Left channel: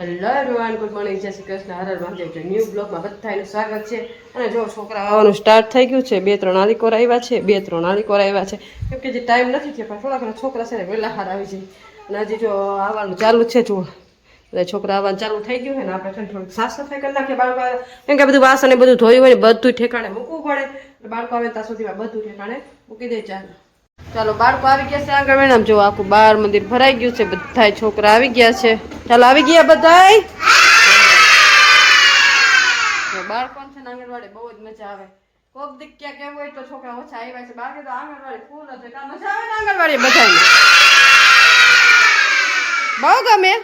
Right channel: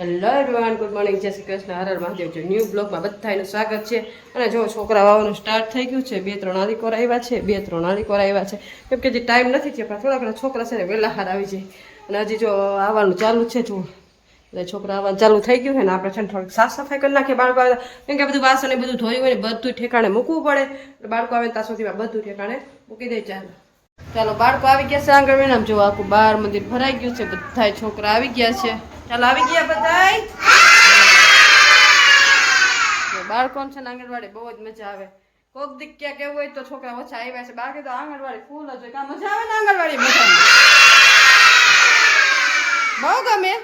Hello everyone, good morning, જય શ્રી કૃષ્ણ, હર હર મહાદેવ. જો new બ્લોગમાં બધાનું સ્વાગત છે. અને જો છોકરા આવવાનું સ્ટાર્ટ થઈ ગયું છે. 2-3 આલીકોર આવ્યા છે, 2-3 આલીકોર આવ્યા છે. કેમ કે જે ટાઈમ નથી થયો, પણ થોડા ઘણા છોકરા છે ને વહેલા હાર આવી જાય. અને હજી જો આવવાનું ચાલુ છે. જો એટલે છોકરા આવવાનું ચાલુ થઈ ગયું છે ને આપણે છે ને થોડીક સાફ સફાઈ કરી નાખીએ. બાળકો આવે કેમ કે બધું વાસણ ને બધું ધોયું હોય ને બધું ઠેકાણે મૂકવું પડે. એટલે બાળકો આવે ત્યાં સુધીમાં બધું ઠેકાણે મૂકી દે. ચાલો બાળકો આવી ગયા છે આંગણવાડીમાં. જો આખું બાર મંદિર ભરાઈ ગયું છે. બધા છોકરા આવી ગયા છે. ચાલો આવી ગયા બધાય. બાળકો છે ને આંગણવાડી બહુ જ મજા આવે. કોક દીક ક્યાં કેવું હોય તો છોકરા ઓછા આવ્યા છે, બાકી તો આંગણવાડી ફૂલ જ હોય. મજા આવે ને આંગણવાડી બધાને બહુ ગમે.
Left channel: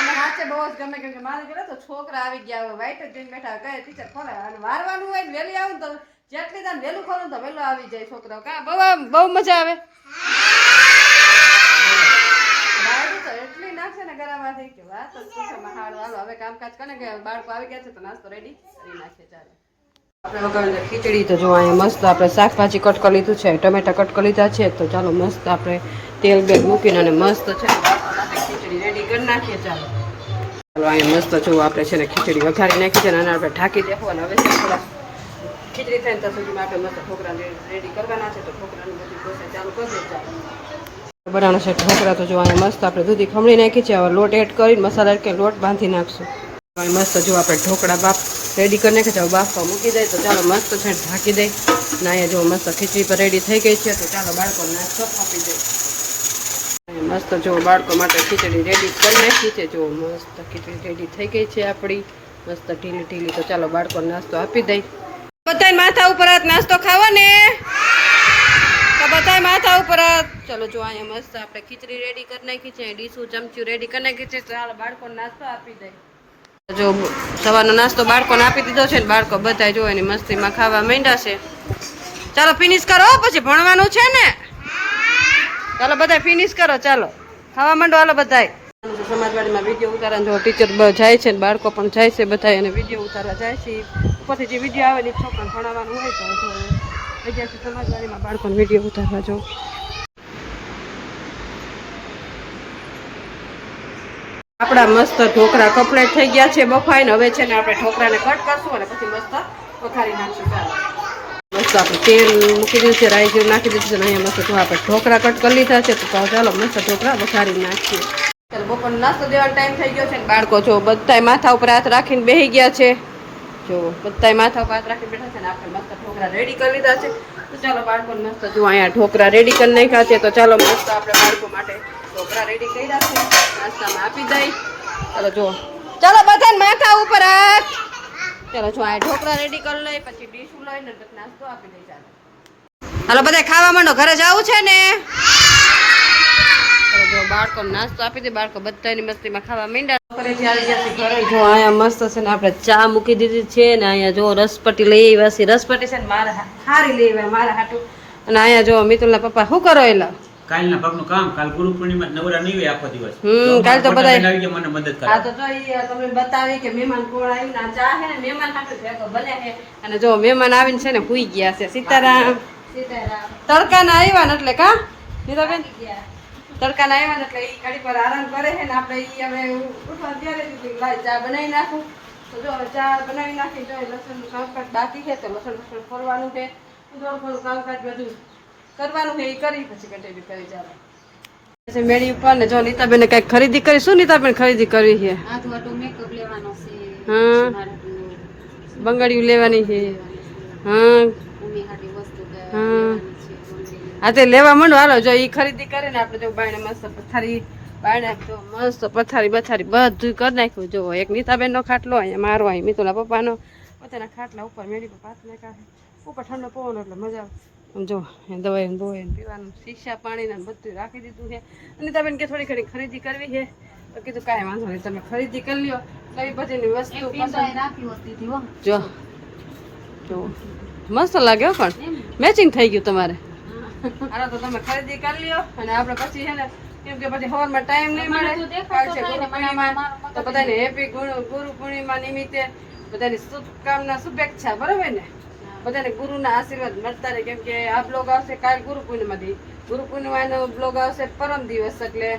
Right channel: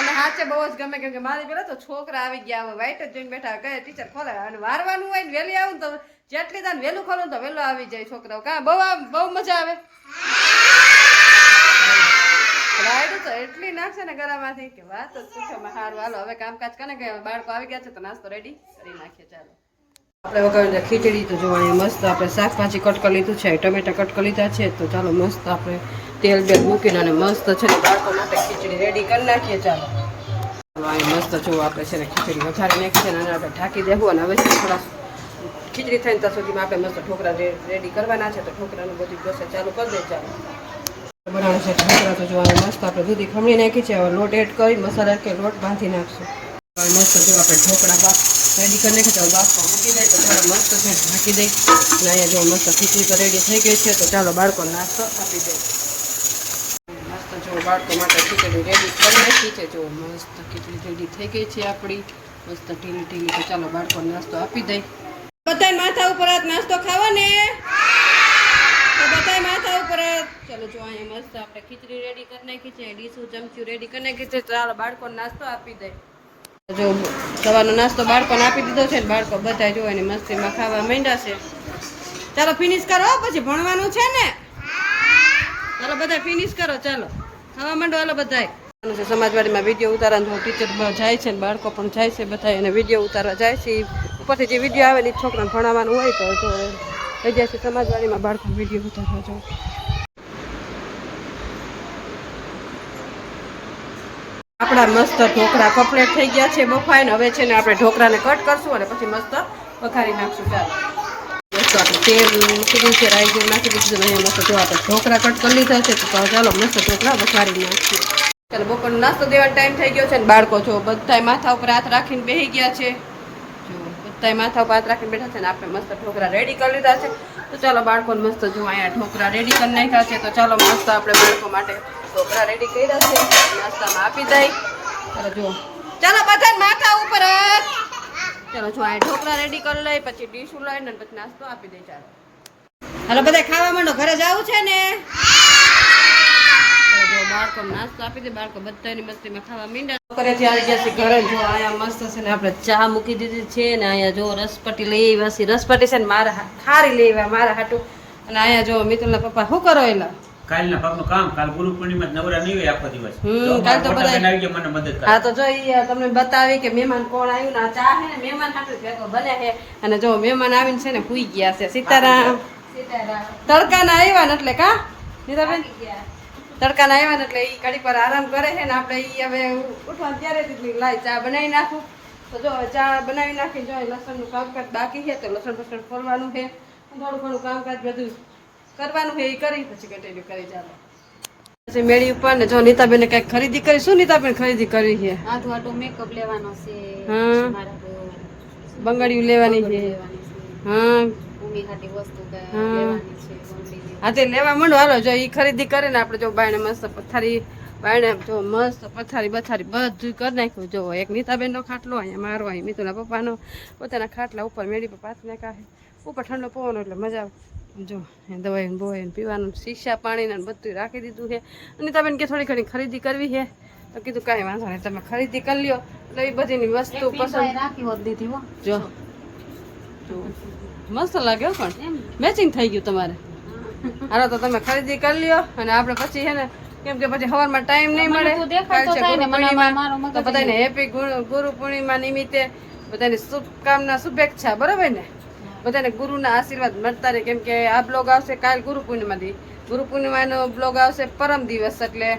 અને હાથે બહુ જ ગમે કેમ કે મારી પેલા તો છોકરા આવી ગયા હોય, વાઈટ જ જોઈને બેઠા કહે ટીચર ખોલે. અને વારવાનું હોય ને વહેલી આવું ને તો જેટલી તાન વહેલું ખોલું તો વહેલો આવી જાય છોકરાઓ. કા બહુ મજા આવે. રાયડું તો એટલી નાખશે ને ગળામાંથી કે વાત જ પૂછો. સારું હાલો હવે કામકાજ કરે કે બાળકો આવી ગયા છે તો નાસ્તો રેડી કરી નાખીએ. ચાલો આપણે વગર ખીચડી તો જો અહીંયા મસ્ત આપણે શાકભાજી કટ કરી લીધું છે, ટમેટા કટ કરી લીધા છે. તો ચાલો મસ્ત આપણે તેલ બેલ મૂકીને અને મસ્ત છે બાળકો માટે ખીચડી રેડી કરી નાખીએ. ચાલો અહીંયા મસ્ત જો આપણે છે ને ખીચડી વઘારી નાખી છે ને અને આપણે ઢાંકી દેવું. અને હવે થોડા ખીચડી થાય ત્યાં સુધીમાં આપણે મસ્ત ઢોકળા રેડી કરવાના છે. તો ઢોકળાનું બધી પ્રોસેસ ચાલુ કરી દે. ચાલો બનાવવાનું છે ઢોકળા. તો જો અહીંયા મસ્ત આપણે દૂધી ખમણી નાખી છે. હવે લોટ એડ કરી મસાલા કે લોટ બાંધી નાખશું. મસ્ત જો આપણે ઢોકળા બાપ રેડી કરી નાખે છે. બાફવા મૂકી દઈએ. તો ચાલો મસ્ત છે ઢાંકી દઈ. અને અહીંયા જો મસ્ત ખીચડી પર રેડી થઈ ગઈ છે. તો ચાલો બાળકો નાસ્તો આપી દઈ. મસ્ત જો બાળકો માટે ખીચડી રેડી કરી નાખી છે. જો મસ્ત ખીચડી રેડી થઈ ગઈ છે આપણી મસ્ત ઢીલી ઢીલી. તો ચાલો બાળકો નાસ્તો આપી દઈ. બધાય માથા ઉપર નાસ્તો ખાવો ને તો બધાય માથા ઉપર. ચલો જો અહીંયા મસ્ત આપણે ખીચડી રેડી કરી નાખી છે. ડીશું ચમચું રેડી કરી નાખી છે. ચાલો બાળકોને નાસ્તો આપી દઈ. જો સવારનો નાસ્તો બાળકોને આપી દીધો છે ને બાળકો બધા જો એની મસ્તીમાં ખાવા માંડ્યા છે. ચાલો ફિનિશ કરો પછી ભણવાનું છે ને. ચાલો બધા ફિનિશ કરો. ચાલો ખાવા માંડો. હાલો બધાય સમાજવાડીમાં વિડીયો ઉતારવાનું ટીચર જાય છે ને બાળકો પણ જાય છે બધા એને વિડીયો ઉતારવા જાય છે. ઉપરથી જે વિડીયો આવે ને છોકરાને ભણાવવાનું હોય તો જો થઈ ગયા છે સમાજવાડીમાં બાળકોને વિડીયો ઉતારવા. જો આપણા મસ્ત ઢોકળા કમ્પ્લીટ થઈ ગયા છે બફાઈને. હવે છે ને આપણે ઢોકળાને કટ કરશું અને પછી મસ્ત વઘારી નાખશું. ચાલો મસ્ત આપણે તેલ મૂકી દીધું છે, રાઈ જેવું નાખી દીધું છે. અહીંયા મસ્ત જો આપણે ઢોકળા કટ કરી લીધા છે. તો ચાલો મસ્ત ઢોકળા વઘારી નાખીએ. ચાલો બપોરનો નાસ્તો દેવાનો ટાઈમ થઈ ગયો છે ને બાળકો જો બધાય માથા ઉપર હાથ રાખીને બેસી ગયા છે. જો બધાય માથા ઉપર હાથ રાખીને બેઠા છે ને આપણે મસ્ત ઢોકળા રેડી કરી લીધા છે. તો ચાલો બાળકોને મસ્ત જો અહીંયા ઢોકળા રેડી કરી નાખ્યા છે. તો ચાલો મસ્ત આપણે બાળકો માટે ઢોકળા રેડી કર્યા છે, નાસ્તામાં આપી દઈ. ચાલો જો ચાલો બધાને માથા ઉપર હાથ. ચાલો જો આ ઢોકળા રેડી કરી લઈ પછી ડીશું લઈને પછી નાસ્તો આપી દઈ. ચાલો હાલો બધા ખાવા માંડો, ઘરે જવું છે ને. જો બાળકોને નાસ્તો આપી દે. બાળકો બધાની મસ્તીમાં ખાવા માંડ્યા. ઘરેથી આવી ગયા છે ઘરે. જો અહીંયા મસ્ત છે ને આપણે ચા મૂકી દીધી છે ને અહીંયા જો રસપટી લઈ આવ્યા છે. રસપટી છે ને મારે ખારી લઈ આવ્યા મારા હાટું. અને અહીંયા જો મિતુલના પપ્પા શું કરો એલા કાલના ભાગનું કામ. કાલ ગુરુ પૂર્ણિમા નવરા નહીં હોય આખો દિવસ. કાલ તો બધા આવી ગયા મને મદદ કરે. હા તો જો તમને બતાવી કે મહેમાન કોણ આવ્યું ને ચા છે ને મહેમાન હાટું ભેગો બને છે. અને જો મહેમાન આવીને છે ને હુઈ ગયા છે. સીતારામ તડકાના આવ્યા ને એટલે કા નીતાબેન તડકાના આવ્યા ને એટલે એ ઘડીક વાર આરામ કરે છે ને આપણે એ હવે ઉઠવાનું ત્યારે લાઈ ચા બનાવી નાખું. તો જો હવે ચા બનાવી નાખી. જો લસણનું કામકાજ બાકી છે તો લસણ ફસણ ફોરવાનું છે, થોડું ઘણું કામકાજ બધું કરવાનું છે એ કરી પછી કન્ટિન્યુ કરી. ચાલો પછી મેળી ઉપર ને જો નીતાબેન કઈક ખરીદી કરી. શું નીતાબેન ખરીદી કરી છે? મેકઅપ લેવાનો છે, હા બંગડીયું લેવાની છે. હા હા તે લેવા માંડો. હાલો જો એ ખરીદી કરે ને આપણે જો બાયણે મસ્ત પથારી બાયણે જો મસ્ત પથારી બથારી બધું કરી નાખ્યું. જો એક નીતાબેનનો ખાટલો, અહીંયા મારો, અહીં મિતુલા પપ્પાનો, પોતાના ખાટલા ઉપર મેળી પર પાથને કાઢે. ઉપર ઠંડો પવન એટલે મજા આવે. આમ જો દવાઈ બોવાઈને પીવાનું શીશા પાણીને બધું રાખી દીધું છે. નીતાબેન કે થોડી ઘણી ખરીદી કરવી છે તો કીધું કાંઈ વાંધો નહીં તમે ખરીદી કરી લ્યો. એટલે એ બધીની વસ્તુ પસંદ જો જો મસ્ત લાગ્યો પણ મેચિંગ થઈ ગયું તમારે. હાલો તો તમે ખરીદી કરી લ્યો અને આપણે પછી છે ને કેમ કે પછી સવારમાં ટાઈમ નહીં મળે. કાલ છે ગુરુ પૂર્ણિમા તો બધાને હેપી ગુરુ પૂર્ણિમા નિમિત્તે બધાની શુભકામના શુભેચ્છા. બરાબર ને બધાને ગુરુના આશીર્વાદ મળતા રહે. કેમ કે આ બ્લોગ આવશે કાલ ગુરુ પૂર્ણિમાથી. ગુરુ પૂર્ણિમાનો બ્લોગ આવશે પરમ દિવસ એટલે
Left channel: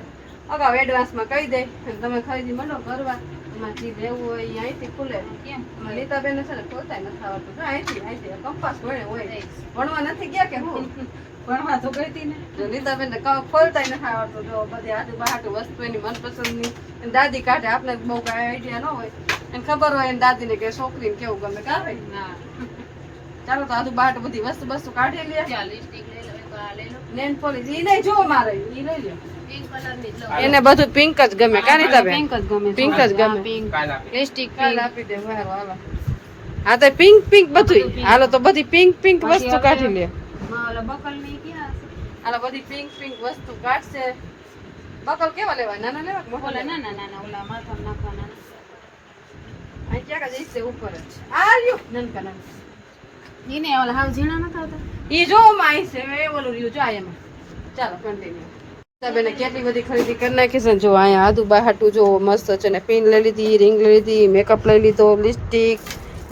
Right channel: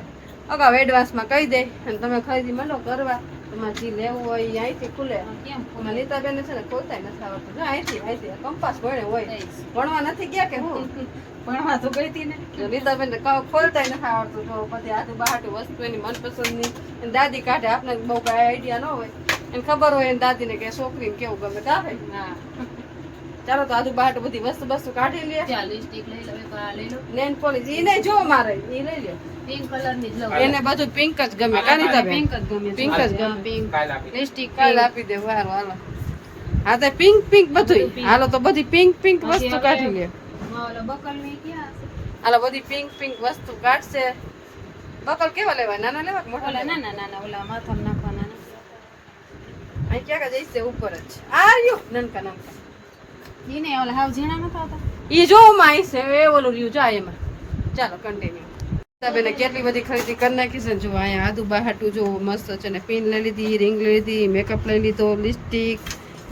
અગાઉ એડવાન્સમાં કહી દે અને તમે ખરીદી માંડો કરવા. તમારે જે લેવું હોય એ અહીંથી ખુલે. કેમ અમારે નીતાબેનને છે ને ખોલતા નથી આવડતું. જો અહીંથી કંપાસ ભણે હોય. ભણવા નથી ગયા કે હું? ભણવા તો ગઈ હતી ને. જો નીતાબેનને ખોલતા નથી આવડતું. જો બધી આટુ બહાટુ વસ્તુ એની મનપસંદની એની દાદી કાઢે. આપણે બહુ કાંઈ આઈડિયા ન હોય. એને ખબર હોય એની દાદીને કે છોકરીને કેવું ગમે કા ભાઈ. હા ચાલો તો આદુ બહાટુ બધી વસ્તુ કાઢી લે. ચાલ લિપસ્ટિક લઈ લો એક વાર લઈ લો નેન પોલિશ ઈ નહીં જો મારે ઈ લઈ લે. પિંક કલર ની જ લો એને બધું પિંક જ ગમે કા નીતાબેન? પિંક જ ગમે પિંક જ ગમે. પિંક લિપસ્ટિક કાલ આપી દે હાલો હાલો. હા તો પિંક બધું હાલો તો બધી પિંક વસ્તુ કાઢી લે. ઓલા બકલ ની ક્યાં છે હાલો બધી પિંક વસ્તુ કાઢશે. બકલ કેવા લેવાય? નાના લેવા કે મોટા ઓલા લેવા? ના ના ઓલા માથામાં નાખવાના અહીં ક્યાં જઈશે ઉપર જ છે. આર્યું નનકા ઈ ને ઓલા હાવ ઝીણા નતા આવતા ઈ જો માં અહીં છે એ ઓલું લ્યું જો આ એમાં. ચાલો કન્ટિન્યુ. બેને કેટલી બધી ખરીદી કરી નાખી છે ને. જો અહીંયા આદુ બહાટું જો મસ્ત છે ને. પિન લઈ લીધી, રિંગ લઈ લીધી, મેકઅપ લઈ લીધો, લિપસ્ટિક,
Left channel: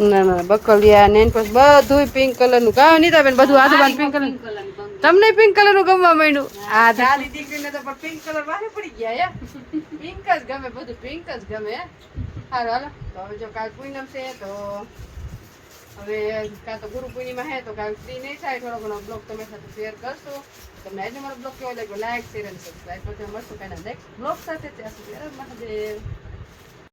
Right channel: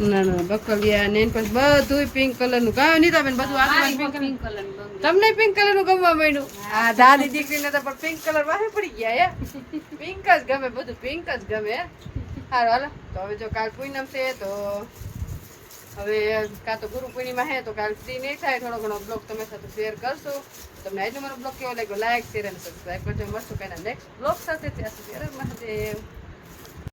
ના બકલિયા, નેન પેન્ટ બધું પિંક કલર નું. કા નીતાબેન બધું આજુબાજુ પિંક કલર. પિંક કલર ની બંગડી તમને પિંક કલર નું ગમવા માંડ્યું? આ દાદી દીકરીને તો પણ પિંક કલર વાહે પડી ગયા. પિંક જ ગમે, બધું પિંક જ ગમે. હાલો હાલો તો હવે જો કાલ પૂનમ છે તો હવે કાં તો ગુરુ પૂર્ણિમા હે તો કાલ ફ્રી નહીં થાય. થોડો ઘણો બ્લોગ તમારી સાથે શેર કરશું. તમને આજનો મારો બ્લોગ કેવો લાગ્યો લાઈક શેર અને સબસ્ક્રાઈબ કરજો. મળશું કાંઈના નેક્સ્ટ બ્લોગ સાથે. ત્યાં સુધી હર હર મહાદેવ.